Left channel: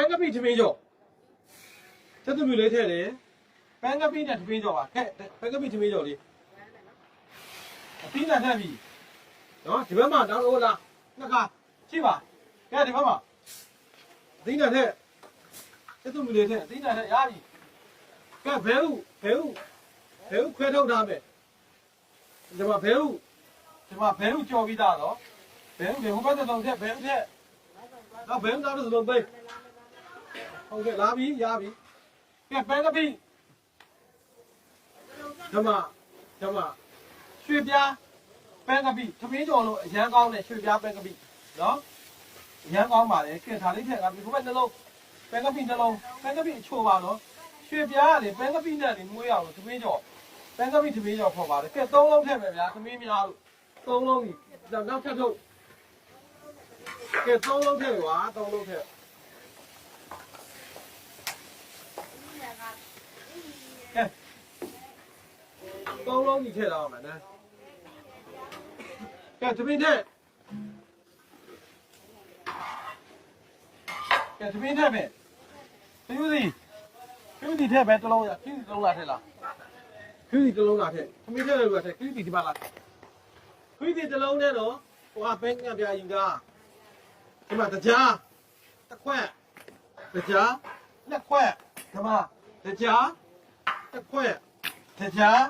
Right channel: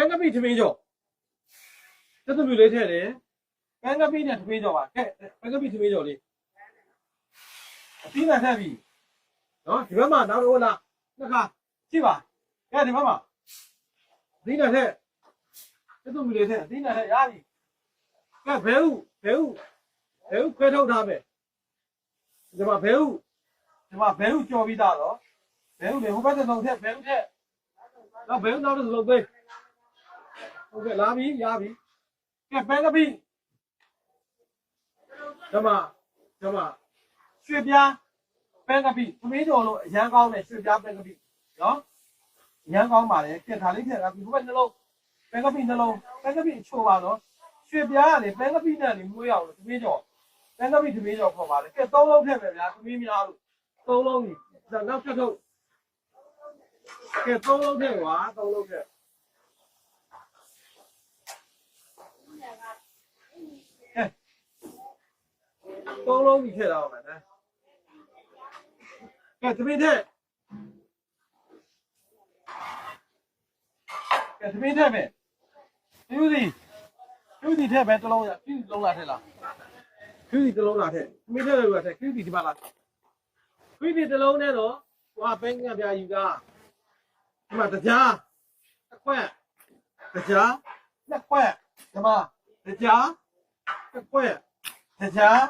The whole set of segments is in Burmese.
န်းကပိထမင်းကျော်စက်သူမျိုးလေးထည့်တယ်ပန်းကပိနဲ့ထမင်းကျော်ပါခဲ့ပန်းကပိထမင်းကျော်လေးအသီးနဲ့ထည့်ပြီနော်ဒီဘက်မှာနောက်တော့လားနှစ်ခါကြည့်ပါကဲဒီဘက်မှာအသီးနဲ့ထည့်စက်သူမျိုးလေးထည့်အသီးနဲ့ထည့်ရပြီကဲဘဲဥဘဲဥဘဲဥခွဲထုတ်ထားမယ်ဒီမှာဘဲဥဒီမှာဘဲဥကြော်ပြီးသားတော့ဘဲဥလေဟိုဘက်တစ်လုံးထည့်ဘဲဥထည့်တော့ဘဲဥနောက်တစ်လုံးပေး ဟုတ်ကဲ့လာပြီရပြီကဲပန်းကပိဓမ္မဓမ္မရွှေပြားပန်းကပိသမီးကျော်လို့အရန်ကောင်းတယ်ရွှေပြားပန်းကပိနော်အရန်ကောင်းပါလေကဲဒါလေးထည့်ကဒီဘက်နှလုံးပန်းကပိနှလုံးပန်းကပိအချိုပါနော်ရွှေပြားကလေပန်းကပိနဲ့လေမွေးအောင်လို့သမီးကျော်ပန်းကပိသမီးကျော်ခေါ်ပါတယ်ကဲသုံးလုံးထည့်မယ်ဗျာသမီးများလို့သုံးလုံးကြီးနောက်ထပ်ထုတ်ကဲသုံးလုံးထည့်ကွာသုံးလုံးထည့် ကဲ သုံးလုံးကြီးထည့်တော့ပါနော်ကဲတပိထည့်ကဲတပိထည့်မယ်ပြူစီပြူစီထည့်ပဲတစ်လုံးရပြူစီတစ်လုံးလာထည့်လားပြူစီတစ်လုံးလာထည့်တပိထည့်လို့ရထည့်ပြူစီဒီပါလားပြူစီတစ်လုံးနဲ့တော့ဟိုဟာဘဲကပြယူတာဒီမှာတကြားတစ်ခွက်တကြားလက်ခွက်ဒီမှာတကြားတစ်ခွက်တကြား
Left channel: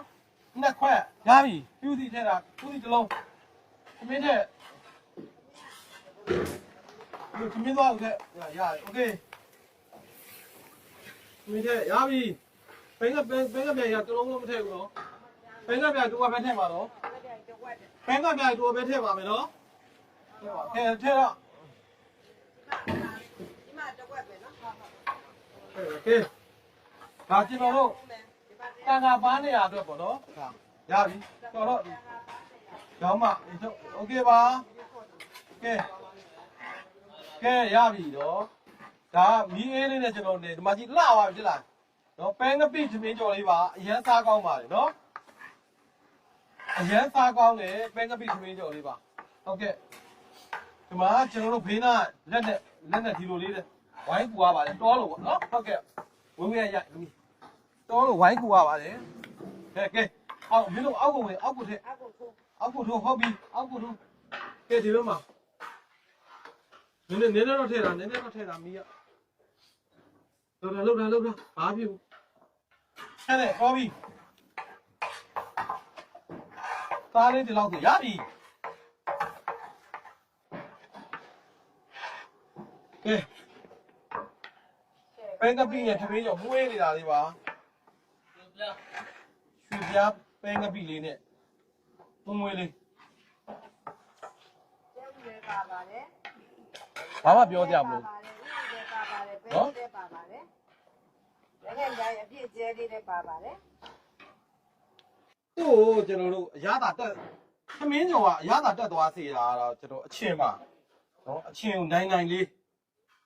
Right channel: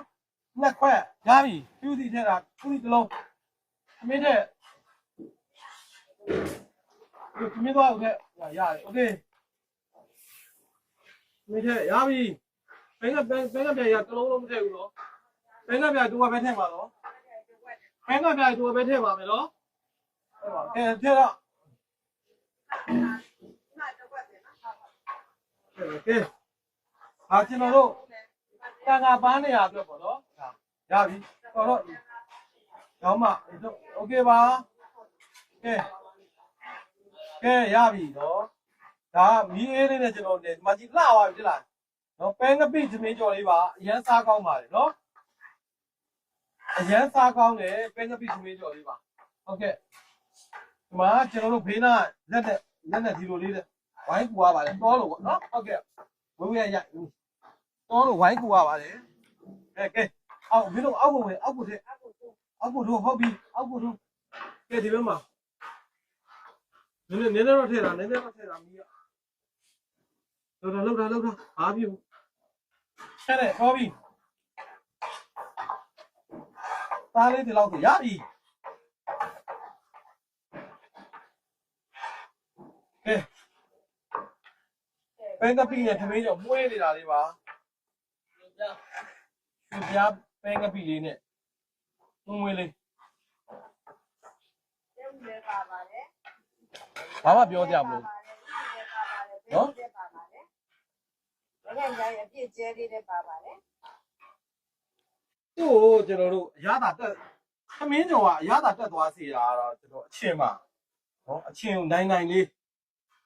နှစ်ခွက်ရပြီပြူစီထည့်တာပြူစီတစ်လုံးသမင်းထည့်သမင်းသွားအောင်ထည့်ရရတယ်โอเคသမင်းထည့်ရပြီဘင်းကဘင်းဘင်းကပြန်ရတစ်လုံးလုံးမထည့်ဘူးနော်ဘင်းကပြန်တူကပဲထည့်ပါတော့ဘင်းကပြန်တူကပဲထည့်ပါမယ်နော်ဟုတ်ပါကဲထည့်တော့ ဒီမှာတစ်ဝက်ပဲနော်ဟုတ်ဟုတ် ကဲဒါကျွန်တော်တို့ တန်ခါပန်းနေရအတွက်ပေါ့နော်ဒါရပြီတော်တော့ရောင်းမโอเคပါကဲကဲရပြီတော့ဒါမီးအေးလေးနဲ့ကျွန်တော်နေဒီမှာကြီးလှသွားပြီတိလားနော်ပဲငပိသမင်းကြော်လေးပါအရန်စားကောင်းပါတယ်နော်အရန်စားကောင်းတယ်ပဲငပိသမင်းကြော်လေးပါဟုတ်ကဲ့ဒီမှာကျွန်တော်တို့ဖေးနာလက်နဲ့လက်နဲ့ဒီလိုလေးတဲ့ဝိုင်းကူရပါတယ်တောလို့ပေါ့နော်ဟုတ်ကဲ့ဝင်းဝင်းရရ တောလို့ဝိုင်းကူရပါတယ်ကဲကဲအောက်မင်းတို့အောက်ကိုဝင်အောက်ကိုထက်အခုခုအောက်ကိုထိုးဟုတ်ပြီအောက်ကိုထိုးကဲဒီဘက်မှာနည်းနည်းနည်းနည်းတော့ထည့်တာနည်းနည်းတော့ထည့်တာမီးရလောက်တာလောက်တာလောက်တာဘာဖြစ်ဘူးဟဲ့တဲ့ကောပြီသားလေးဒီလောက်ဆိုရပြီကဲပန်းကပိနဲ့သမင်းကြောင့်မွေးနေတာလေးပါ ရွှေပြားပန်းကပိလေးနဲ့မွေးမွေးလေးကျဲဦးလည်းပါပါတယ်ဘာမှပြောကြမလို့ဦးလည်းပါပါတယ်ဘယ်လည်းပါပါတယ်လက်ခံကြရဲ့အပြည့်ကျဲလေးလည်းပါပါတယ်သူ့ကိုကျွန်တော်တို့အရသာတက်သမင်းကျော်ကအရသာတက်သွားစေတာကတော့ကျွန်တော်အချင်းပါနော်အချင်းကိုနိုင်နိုင်လေး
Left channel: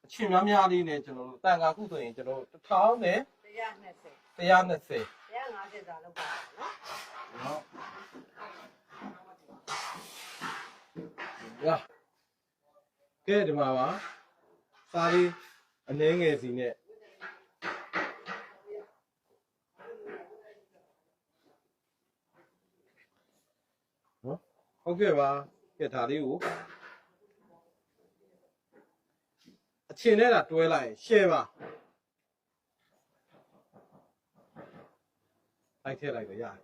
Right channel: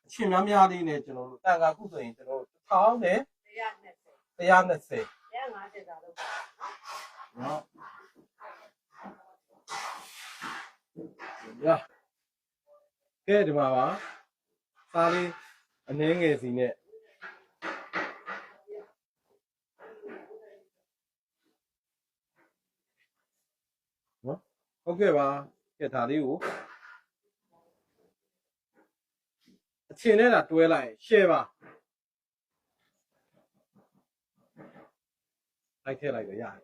အချင်းများများလေးနဲ့ကျွန်တော်တန်ခါခုဆိုရင်ကျွန်တော်တစ်ထောင်နဲ့120 120 150စာလောက်ပါနော်နော်ရကဲဒီမှာပါစားလေးအနှင်းငယ်စီနဲ့နော်ဟုတ်ကဲ့ပါကဲဒါလေးကိုအချင်းနဲ့တာတွဲလိုက်ရင် share ပါ လိုက်ထည့်လိုက်တော့ရတယ်